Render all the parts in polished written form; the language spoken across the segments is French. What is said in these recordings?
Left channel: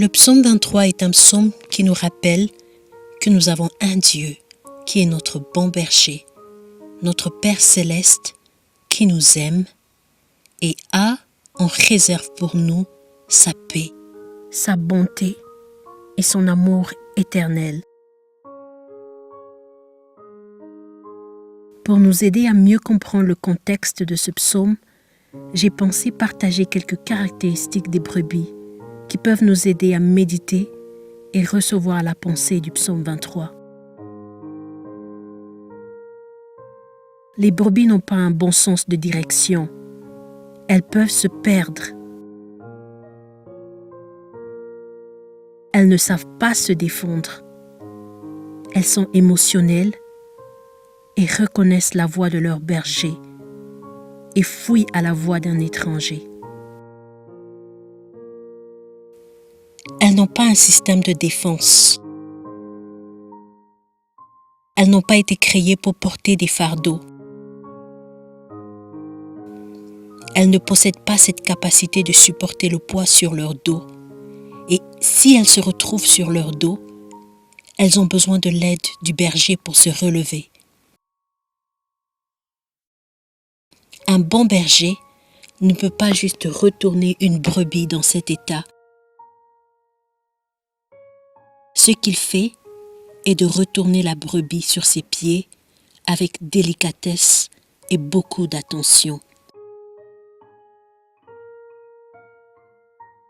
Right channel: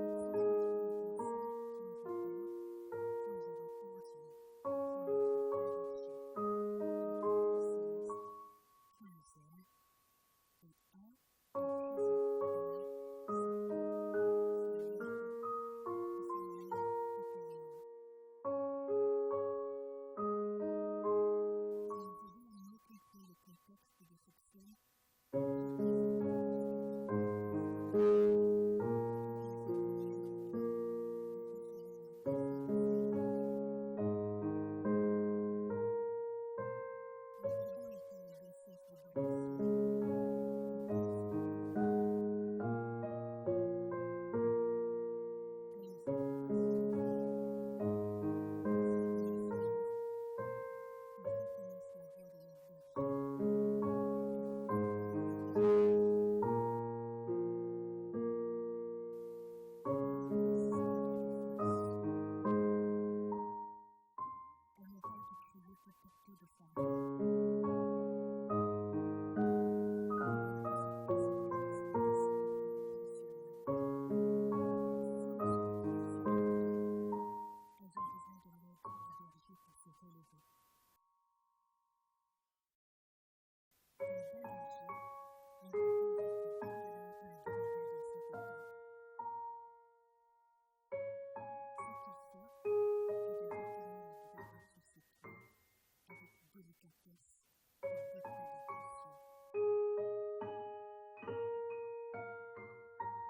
Le psaume 23 est un psaume qui nous rappelle que nous avons un Dieu qui est notre bon berger, notre Père céleste qui nous aime et a en réserve pour nous sa paix, sa bonté et son amour éternel. Pour nous aider à mieux comprendre le contexte de ce psaume, j'ai pensé partager quelques caractéristiques des brebis qui peuvent nous aider à méditer et recevoir la pensée du psaume 23. Les brebis n'ont pas un bon sens de direction. Elles peuvent se perdre. Elles ne savent pas se défendre. Elles sont émotionnelles et reconnaissent la voix de leur berger et fuient à la voix d'un étranger. Elles n'ont pas un système de défense. Elles n'ont pas été créées pour porter des fardeaux. Elles ne possèdent pas cette capacité de supporter le poids sur leur dos. Et si elles se retrouvent sur leur dos, elles ont besoin de l'aide du berger pour se relever. Un bon berger ne peut pas juste retourner une brebis dans cet état. Ce qu'il fait est de retourner la brebis sur ses pieds avec délicatesse et beaucoup d'attention.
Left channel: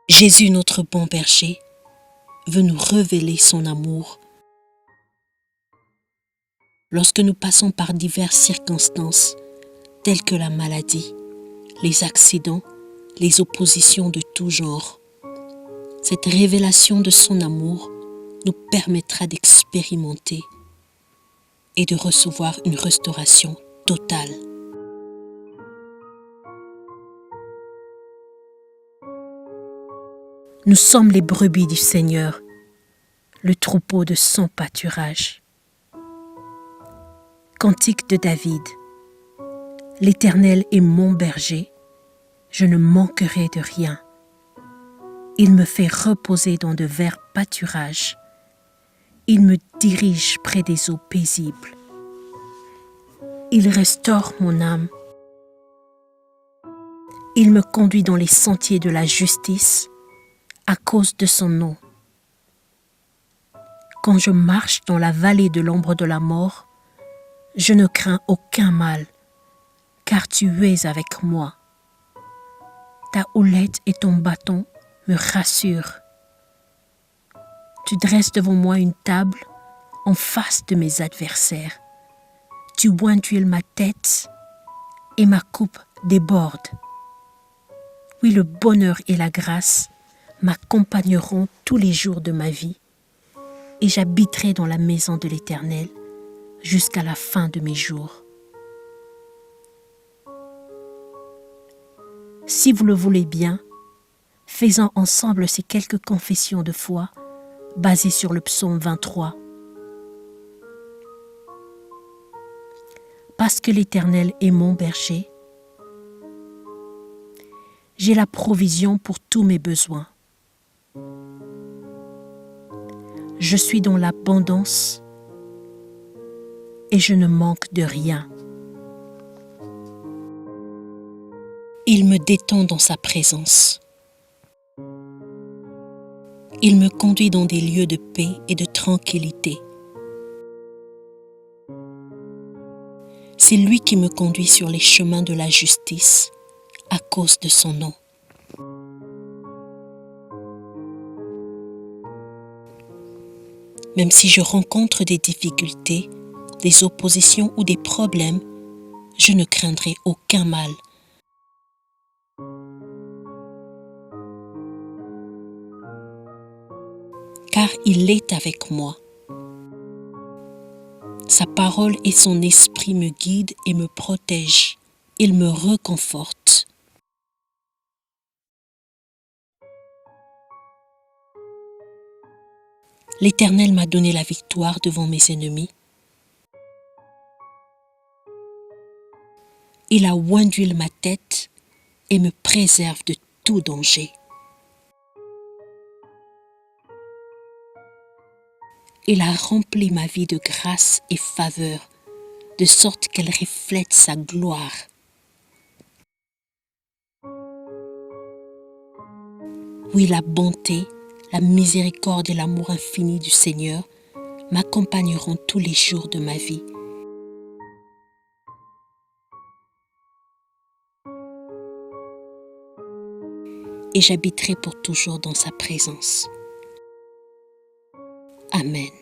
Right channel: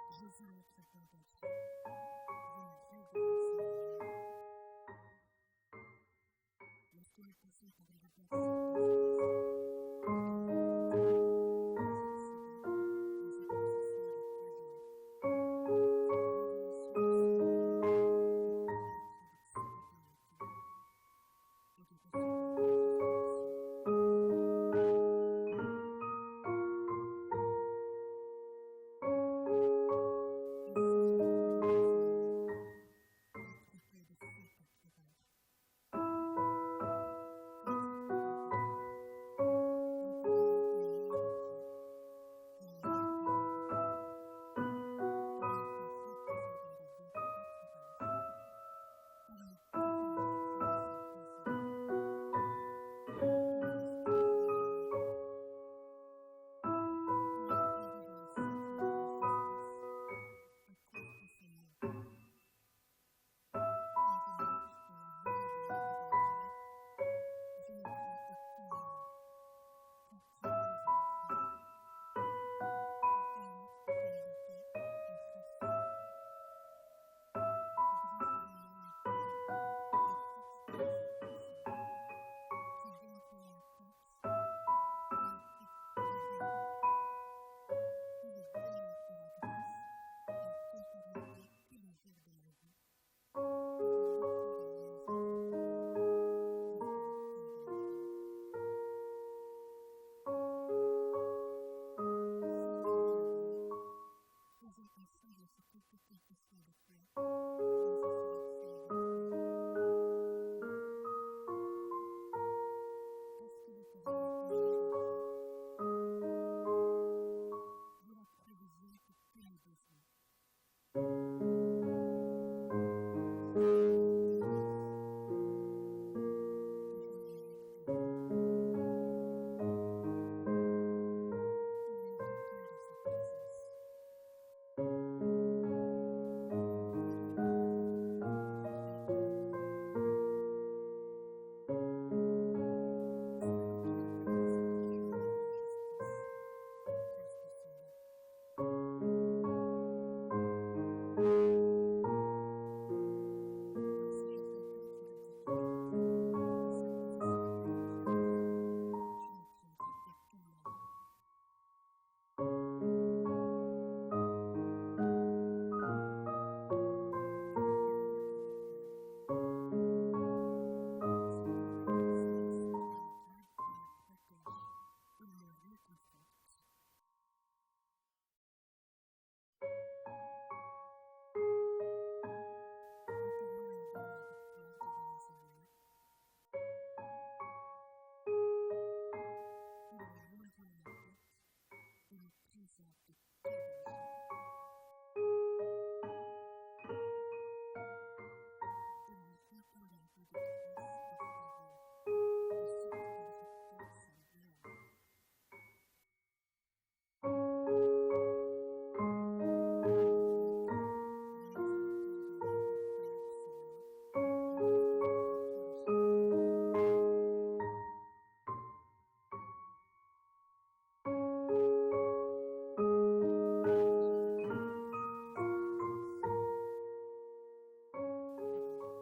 Jésus, notre bon berger, veut nous révéler son amour. Lorsque nous passons par diverses circonstances, telles que la maladie, les accidents, les oppositions de tout genre, cette révélation de son amour nous permettra d'expérimenter et de recevoir une restauration totale. Nous sommes les brebis du Seigneur, le troupeau de son pâturage. Cantique de David. L'Éternel est mon berger, je ne manquerai de rien. Il me fait reposer dans de verts pâturages. Il me dirige près des eaux paisibles. Il restaure mon âme. Il me conduit dans les sentiers de la justice à cause de son nom. Quand je marche dans la vallée de l'ombre de la mort, je ne crains aucun mal, car tu es avec moi. Ta houlette et ton bâton me rassurent. Tu dresses devant moi une table en face de mes adversaires. Tu oins d'huile ma tête et ma coupe déborde. Oui, le bonheur et la grâce m'accompagneront tous les jours de ma vie et j'habiterai dans la maison de l'Éternel jusqu'à la fin de mes jours. Si vous le voulez bien, faisons ensemble ces quelques confessions de foi basées sur le psaume 23. Parce que l'Éternel est mon berger, j'ai la provision pour tous mes besoins. Je suis dans l'abondance et je ne manque de rien. Il me détend dans sa présence. Il me conduit dans des lieux de paix et de tranquillité. C'est lui qui me conduit sur les chemins de la justice à cause de son nom. Même si je rencontre des difficultés, des oppositions ou des problèmes, je ne craindrai aucun mal. Car il est avec moi. Sa parole et son esprit me guident et me protègent. Il me réconforte. L'Éternel m'a donné la victoire devant mes ennemis. Il a oint d'huile ma tête et me préserve de tout danger. Il a rempli ma vie de grâce et faveur, de sorte qu'elle reflète sa gloire. Oui, la bonté, la miséricorde et l'amour infini du Seigneur m'accompagneront tous les jours de ma vie. Et j'habiterai pour toujours dans sa présence. Amen.